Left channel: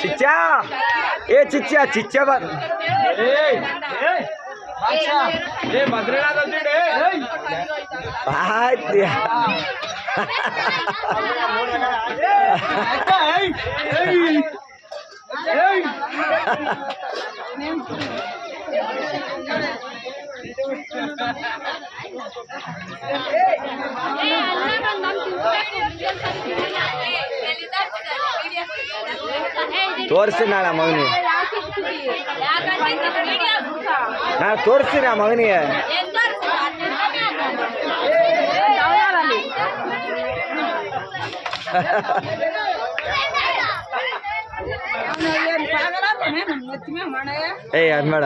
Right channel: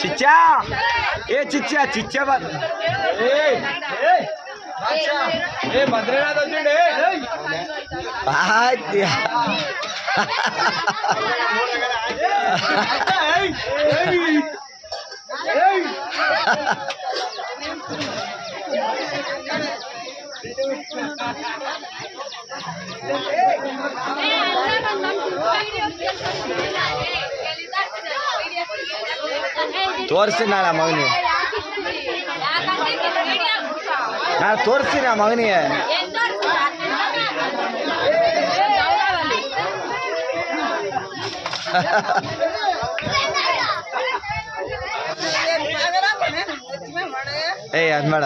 ಚಿಚ್ಚಾ ಚಿಚ್ಚಾ ಚಿಚ್ಚಾ ಭದ್ರನಾಥ ಆಯ್ತು ತೋರಿಸ್ತೀನಿ ನಾಳೆ ಮಗನಿಗೆ ನಾನು ತೋರಿಸ್ತೀನಿ ಆ ಮಗನಿಗೆ ಏಯ್ ಅದು ಬೇಡ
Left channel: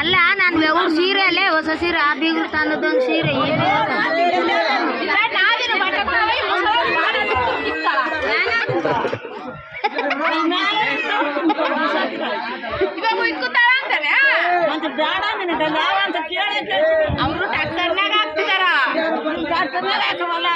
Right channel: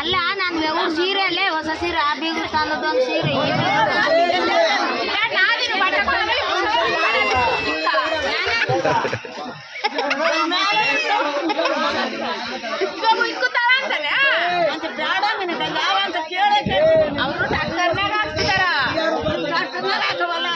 ಅಲ್ಲ ನಾನು ಬೆವರು ಸೀರೆ ಅಲ್ಲೇ ಹೊಸ ಸೀರೆ ಆ ಬೀಗ ಕಾಲದ ಸೀರೆ ಅವರು ಟ್ಯಾಕ್ಟರ್ನಾಗ ಹಾಕ್ತಿದಾರ ಹಾಕವಲ್ಲ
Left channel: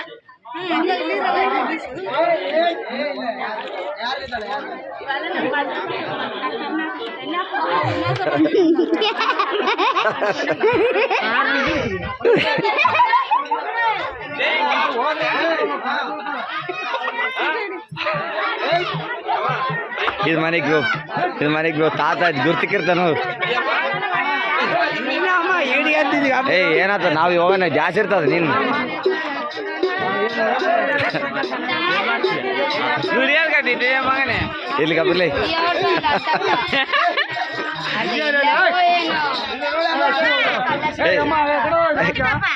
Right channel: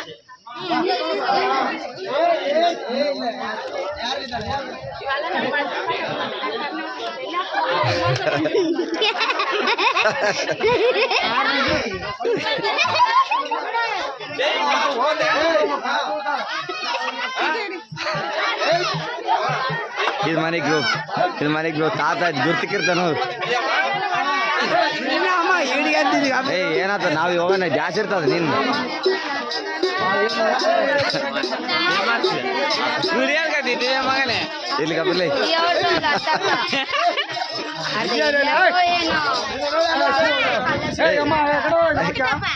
ಇದು ಮನೆಗೆ ಗ್ರೂಪ್ ತಾತ ಗುರ್ತಿಕ್ಕಿರ್ತಾನ ಏನಾತ ನಾವು ಹೋಗೋಣ ಜಾಸ್ತಿ ಇರ್ತದ ನೀನು ಮಗನೇ ಇಲ್ಲಿ ಕಬರ್ಲಿ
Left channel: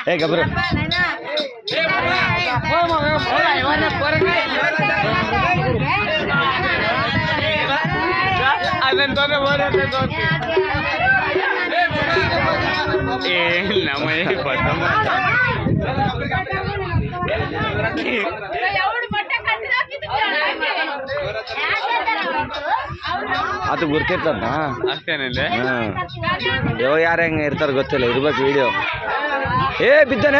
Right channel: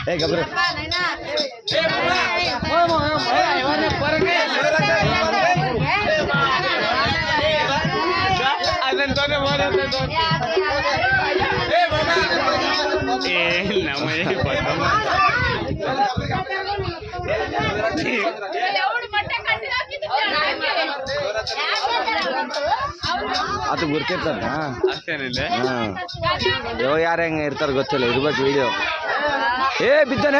ಏ ಗಬ್ರು ಅದು ಗುರ್ತಿರ್ತದ ಅಷ್ಟೇನಿದೆ. ಯಾವ ಯಾರು ಹೆಂಗೆ ಇರ್ತಾರೆ ಗೊತ್ತಿಲ್ಲ, ಇರ್ಬೇಕು ವಿಡಿಯೋ. ಬಿದ್ದನು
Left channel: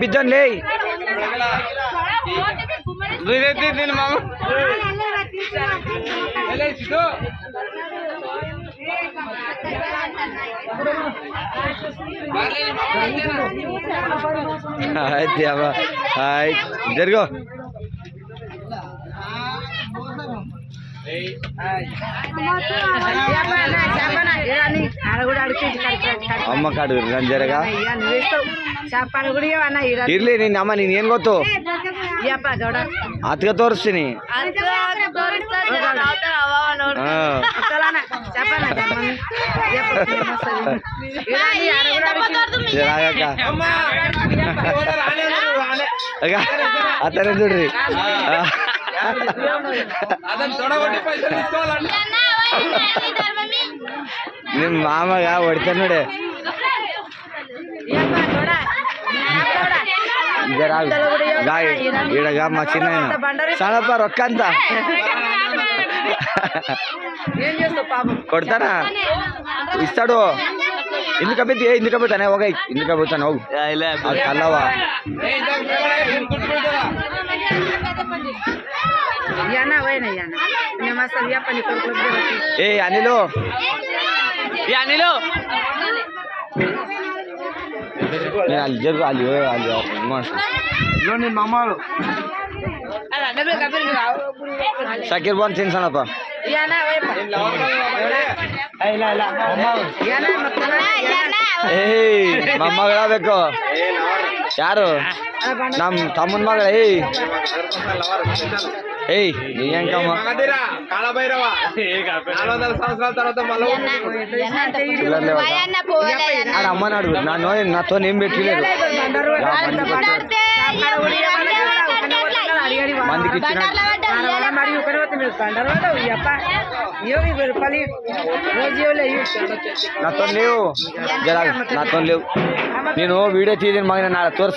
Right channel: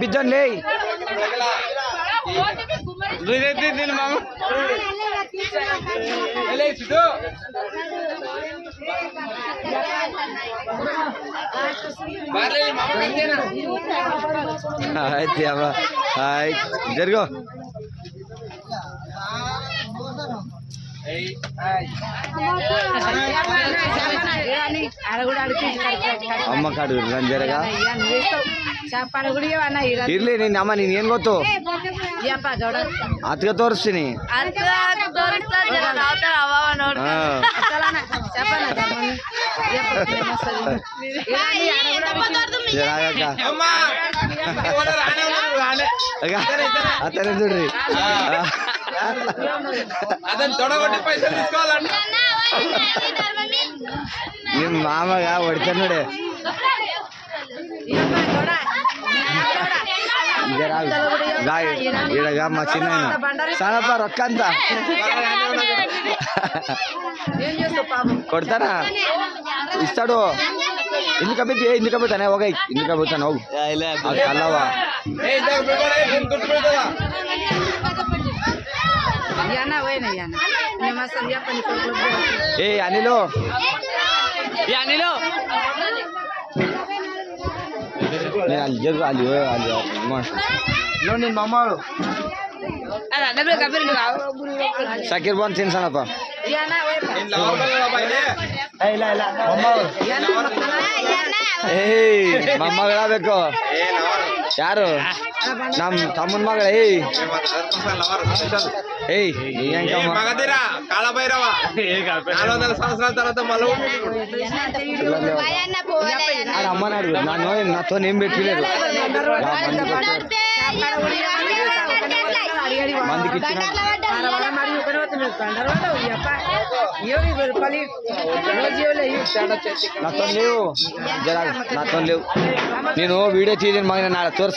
ಬಿದ್ದನ್ಲೇ ಮಾಮ ಆಯ್ತು ಯಾವ ಆಯ್ತು ಜರ್ಗೋ ಅಮ್ಮ ಕಾಡು ನಾನು ಜರಗ ಇರ್ಲಿ ನೀನ್ ಅಮ್ಮ ನೀನ್ ಏನ್ ಗೊತ್ತು ಅತ್ಗ ತೋರಿಸ್ತೀನಿ. ಆತರ ನೋಡ್ರಿ ನಿಮ್ಮ ಮಾಮಗ ಹೊಡಿತಾರ ನೋಡಿ. ಇಡಗ ಮಸಿನ ಸಣ್ಣಪ್ಪ ರೊಕ್ಕ ಅಂತ ಕೊಡ್ತಾನ ಇಸ್ತಾಡು. ಇಂದಕ್ಕೆ ಬಿದ್ದು ಇಂದಕ್ಕೆ ಬಿಡ್ತಾನೆ ಹೋಗೈ ಇಂದಕ್ಕೆ ಬಿಡ್ತಾನೆ ಹೋಗು ಅಲ್ಲವ ಅನಿಲು ಅಲ್ಲಿ ಜರ್ಗು ಅಲ್ಲಿ ನಿನ್ನ ಮಾಮಗಳು ಸಕೀರ್ ಬಂದು ತಿನ್ಸಣಪ್ಪ. ಏಯ್ ಮೊಮ್ಮಗಳ ಬೇಕು ಯಾರು ನಮ್ಮ ತಮ್ಮನ ಮಗಳ ಏಯ್ ನೀ ಹೆಂಗಮ್ಮ ఆడ అమ్మని అడుగు నాతో ఏం పెట్టలేదు మందికి ఇచ్చిన నాతో లేవు జరా నాతో లేవు నేను వీడియో తీయని మగ నా తోర్స్